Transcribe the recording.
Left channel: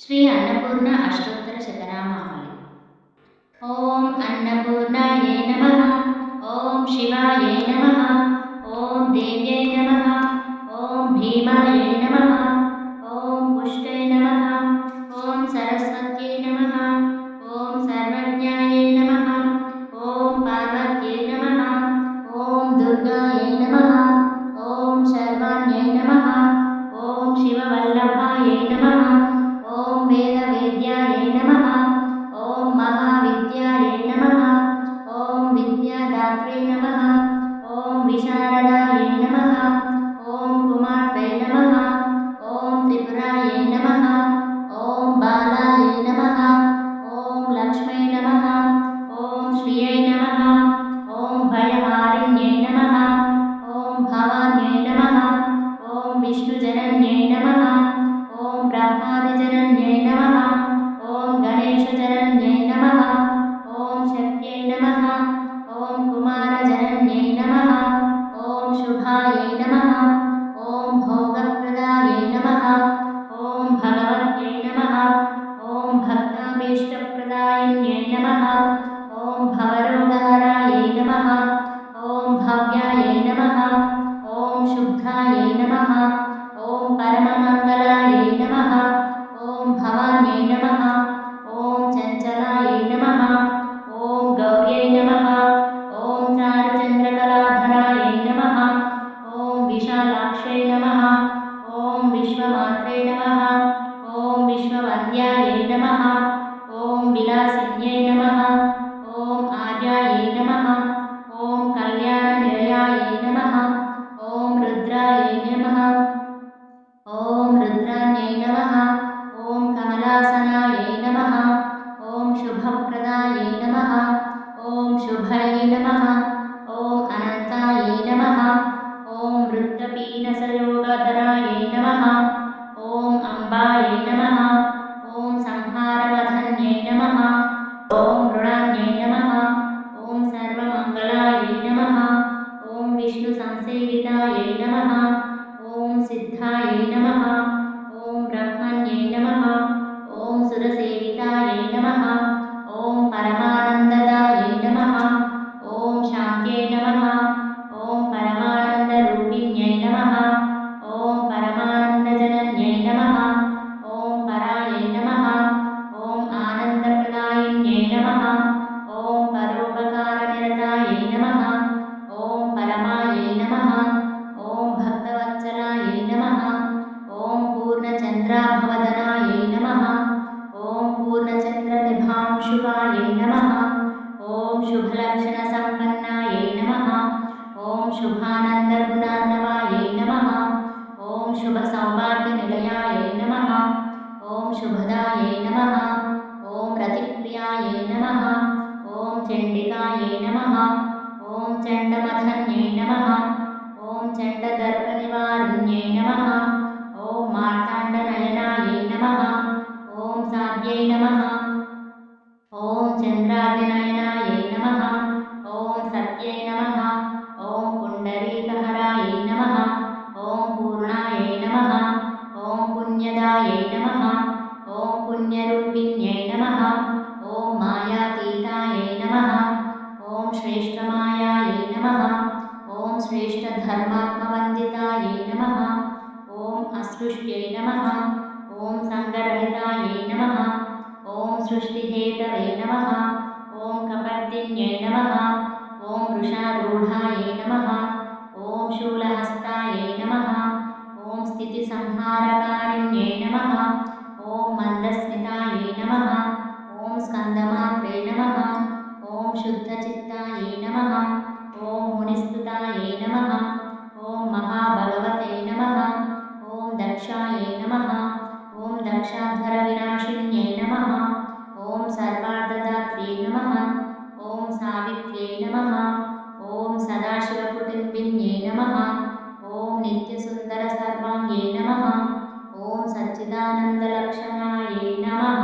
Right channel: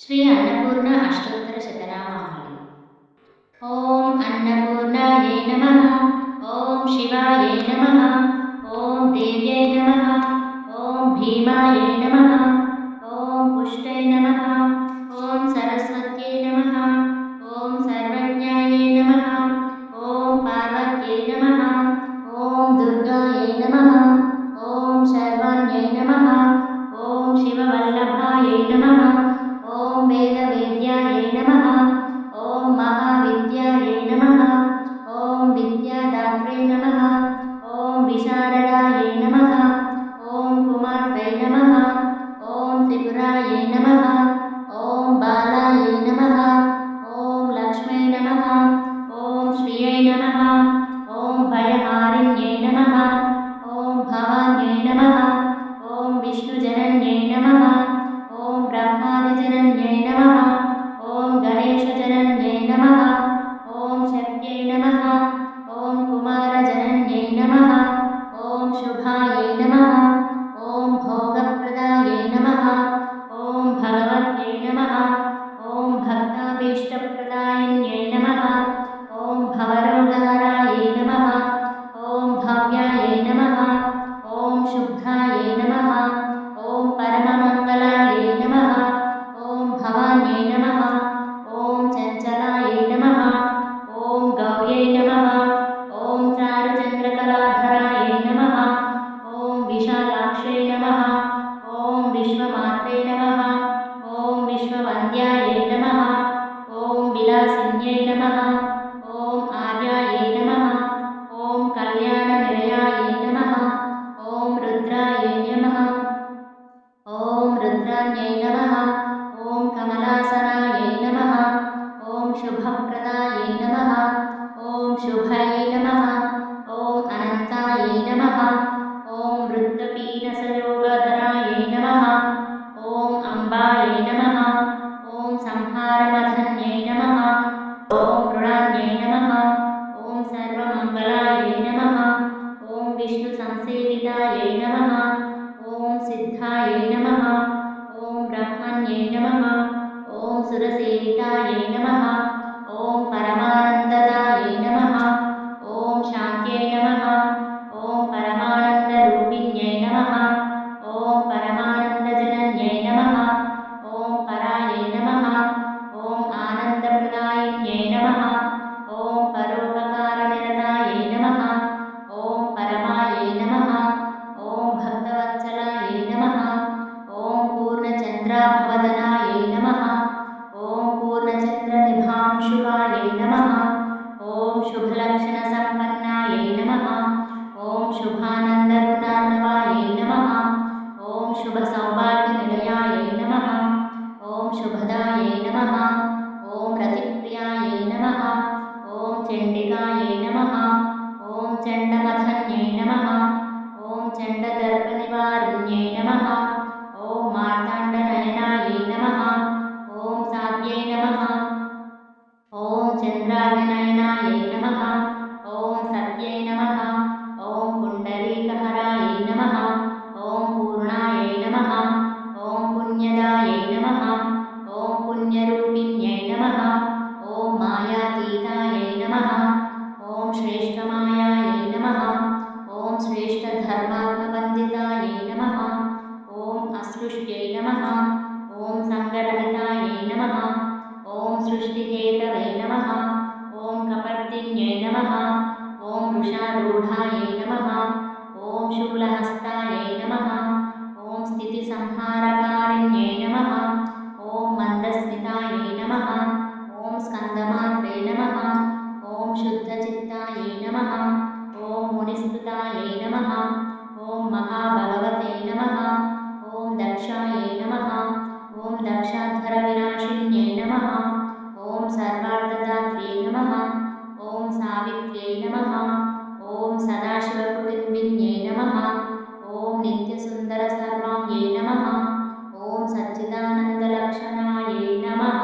ಶ್ರೀ ಅನ್ನಪೂರ್ಣ ಅಷ್ಟೋತ್ತರ ಶತನಾಮಾವಳಿ. ಓಂ ಅನ್ನಪೂರ್ಣಾಯೈ ನಮಃ. ಓಂ ಶಿವಾಯೈ ನಮಃ. ಓಂ ದೇವ್ಯೈ ನಮಃ. ಓಂ ಭೀಮಾಯೈ ನಮಃ. ಓಂ ಪುಷ್ಟೈ ನಮಃ. ಓಂ ಸರಸ್ವತ್ಯೈ ನಮಃ. ಓಂ ಸರ್ವಜ್ಞಾಯೈ ನಮಃ. ಓಂ ಪಾರ್ವತ್ಯೈ ನಮಃ. ಓಂ ದುರ್ಗಾಯೈ ನಮಃ. ಓಂ ಶರ್ವಾಣ್ಯೈ ನಮಃ. ಓಂ ಶಿವವಲ್ಲಭಾಯೈ ನಮಃ. ಓಂ ವೇದವೇದ್ಯಾಯೈ ನಮಃ. ಓಂ ಮಹಾವಿದ್ಯಾಯೈ ನಮಃ. ಓಂ ವಿದ್ಯಾದಾತ್ರೇ ನಮಃ. ಓಂ ವಿಶಾರದಾಯೈ ನಮಃ. ಓಂ ಕುಮಾರ್ತ್ರೈ ನಮಃ. ಓಂ ತ್ರಿಪುರಾಯೈ ನಮಃ. ಓಂ ಬಾಲಾಯೈ ನಮಃ. ಓಂ ಲಕ್ಷ್ಮೈ ನಮಃ. ಓಂ ಶ್ರಿಯೈ ನಮಃ. ಓಂ ಭಯಹಾರಿಣ್ಯೈ ನಮಃ. ಓಂ ಭವಾನ್ಯೈ ನಮಃ. ಓಂ ವಿಷ್ಣುಜನನ್ಯೈ ನಮಃ. ಓಂ ಬ್ರಹ್ಮಾದಿಜನನ್ಯೈ ನಮಃ. ಓಂ ಗಣೇಶಜನನ್ಯೈ ನಮಃ. ಓಂ ಶಕ್ತ್ಯೈ ನಮಃ. ಓಂ ಕುಮಾರಜನನ್ಯೈ ನಮಃ. ಓಂ ಶುಭಾಯೈ ನಮಃ. ಓಂ ಭೋಗಪ್ರದಾಯೈ ನಮಃ. ಓಂ ಭಗವತ್ಯೈ ನಮಃ. ಓಂ ಭಕ್ತಾಭೀಷ್ಟಪ್ರದಾಯಿನ್ಯೈ ನಮಃ. ಓಂ ಭವರೋಗಹರಾಯೈ ನಮಃ. ಓಂ ಭವ್ಯಾಯೈ ನಮಃ. ಓಂ ಶುದ್ಧಾಯೈ ನಮಃ. ಓಂ ಪರಮಮಂಗಲಾಯೈ ನಮಃ. ಓಂ ಭವಾನ್ಯೈ ನಮಃ. ಓಂ ಚಂಚಲಾಯೈ ನಮಃ. ಓಂ ಗೌರ್ಯೈ ನಮಃ. ಓಂ ಚಾರುಚಂದ್ರಕಲಾಧರಾಯೈ ನಮಃ. ಓಂ ವಿಶಾಲಾಕ್ಷೈ ನಮಃ. ಓಂ ವಿಶ್ವಮಾತ್ರೇ ನಮಃ. ಓಂ ವಿಶ್ವವಂದ್ಯಾಯೈ ನಮಃ. ಓಂ ವಿಲಾಸಿನ್ಯೈ ನಮಃ. ಓಂ ಆರ್ಯಾಯೈ ನಮಃ. ಓಂ ಕಲ್ಯಾಣನಿಲಯಾಯೈ ನಮಃ. ಓಂ ರುದ್ರಾಯೈ ನಮಃ. ಓಂ ರುದ್ರಾಣ್ಯೈ ನಮಃ. ಓಂ ಕಮಲಾಸನಾಯೈ ನಮಃ. ಓಂ ಶುಭಪ್ರದಾಯೈ ನಮಃ. ಓಂ ಶುಭೈ ನಮಃ. ಓಂ ಅನಂತಾಯೈ ನಮಃ. ಓಂ ವೃತ್ತಪೀನಸಯೋಗಧರಾಯೈ ನಮಃ. ಓಂ ಅಂಬಾಯೈ ನಮಃ. ಓಂ ಸಂಹಾರಮಧನ್ಯೈ ನಮಃ. ಓಂ ಮೃಣಾನ್ಯೈ ನಮಃ. ಓಂ ಸರ್ವಮಂಗಲಾಯೈ ನಮಃ. ಓಂ ವಿಷ್ಣು ಸಂಸೇವಿತಾಯೈ ನಮಃ. ಓಂ ಸಿದ್ಧಾಯೈ ನಮಃ. ಓಂ ಬ್ರಹ್ಮಣ್ಯೈ ನಮಃ. ಓಂ ಸುರಸೇವಿತಾಯೈ ನಮಃ. ಓಂ ಪರಮಾನಂದದಾಯೈ ನಮಃ. ಓಂ ಶಾಂತ್ಯೈ ನಮಃ. ಓಂ ಪರಮಾನಂದರೂಪಿಣ್ಯೈ ನಮಃ. ಓಂ ಪರಮಾನಂದಜನನ್ಯೈ ನಮಃ. ಓಂ ಪರಾಯೈ ನಮಃ. ಓಂ ಆನಂದಪ್ರದಾಯಿನ್ಯೈ ನಮಃ. ಓಂ ಪರೋಪಕಾರನಿರತಾಯೈ ನಮಃ. ಓಂ ಪರಮಾಯೈ ನಮಃ. ಓಂ ಭಕ್ತವತ್ಸಲಾಯೈ ನಮಃ. ಓಂ ಪೂರ್ಣಚಂದ್ರಾಭವದನಾಯೈ ನಮಃ. ಓಂ ಪೂರ್ಣಚಂದ್ರನಿಭಾಂಶುಕಾಯೈ ನಮಃ. ಓಂ ಶುಭಲಕ್ಷಣಸಂಪನ್ನಾಯೈ ನಮಃ. ಓಂ ಶುಭಾನಂದಗುಣಾರ್ಣವಾಯೈ ನಮಃ. ಓಂ ಶುಭಸೌಭಾಗ್ಯನಿಲಯಾಯೈ ನಮಃ. ಓಂ ಶುಭದಾಯೈ ನಮಃ. ಓಂ ರತಿಪ್ರಿಯಾಯೈ ನಮಃ. ಓಂ ಚಂಡಿಕಾಯೈ ನಮಃ. ಓಂ ಚಂಡಮಥನ್ಯೈ ನಮಃ. ಓಂ ಚಂಡದರ್ಪನಿವಾರಿಣ್ಯೈ ನಮಃ. ಓಂ ಮಾರ್ತಾಂಡನಯನಾಯೈ ನಮಃ. ಓಂ ಸಾಧ್यै ನಮಃ. ಓಂ ಚಂದ್ರಾಗ್ನಿನಯನಾಯೈ ನಮಃ. ಓಂ ಸತ್ಯೈ ನಮಃ. ಓಂ ಪುಂಡರೀಕಹರಾಯೈ ನಮಃ. ಓಂ ಪೂರ್ಣಾಯೈ ನಮಃ. ಓಂ ಪುಣ್ಯದಾಯೈ ನಮಃ. ಓಂ ಪುಣ್ಯರೂಪಿಣ್ಯೈ ನಮಃ. ಓಂ ಮಾಯಾತೀತಾಯೈ ನಮಃ. ಓಂ ಶ್ರೇಷ್ಠಮಾಯಾಯೈ ನಮಃ. ಓಂ ಶ್ರೇಷ್ಠಧರ್ಮಾತ್ಮವಂದಿತಾಯೈ ನಮಃ. ಓಂ ಅಸೃಷ್ಟ್ಯೈ ನಮಃ. ಓಂ ಸಂಗರಹಿತಾಯೈ ನಮಃ. ಓಂ ಸೃಷ್ಟಿಹೇತವೇ ನಮಃ. ಓಂ ಕಪರ್ದಿನ್ಯೈ ನಮಃ. ಓಂ ವೃಷಾರೂಢಾಯೈ ನಮಃ. ಓಂ ಶೂಲಹಸ್ತಾಯೈ ನಮಃ. ಓಂ ಸ್ಥಿತಿಸಂಹಾರಕಾರಿಣ್ಯೈ ನಮಃ. ಓಂ ಮಂದಸ್ಮಿತಾಯೈ ನಮಃ. ಓಂ ಸ್ಕಂದಮಾತ್ರೇ ನಮಃ. ಓಂ ಶುದ್ಧಚಿತ್ತಾಯೈ ನಮಃ. ಓಂ ಮುನಿಸ್ತುತಾಯೈ ನಮಃ. ಓಂ ಮಹಾಭಗವತೆ ನಮಃ. ಓಂ ದಕ್ಷಾಯೈ ನಮಃ. ಓಂ ದಕ್ಷಾಧ್ವರವಿನಾಶಿನ್ಯೈ ನಮಃ. ಓಂ ಸರ್ವಾರ್ಧದಾತ್ರ್ಯೈ ನಮಃ. ಓಂ ಸಾವಿತ್ರ್ಯೈ ನಮಃ. ಓಂ ಸದಾಶಿವಕುಟುಂಬಿನ್ಯೈ ನಮಃ. ಓಂ ನಿತ್ಯಸುಂದರಸರ್ವಾಂಗ್ಯೈ ನಮಃ. ಓಂ ಸಚ್ಚಿದಾನಂದಲಕ್ಷಣಾಯೈ ನಮಃ.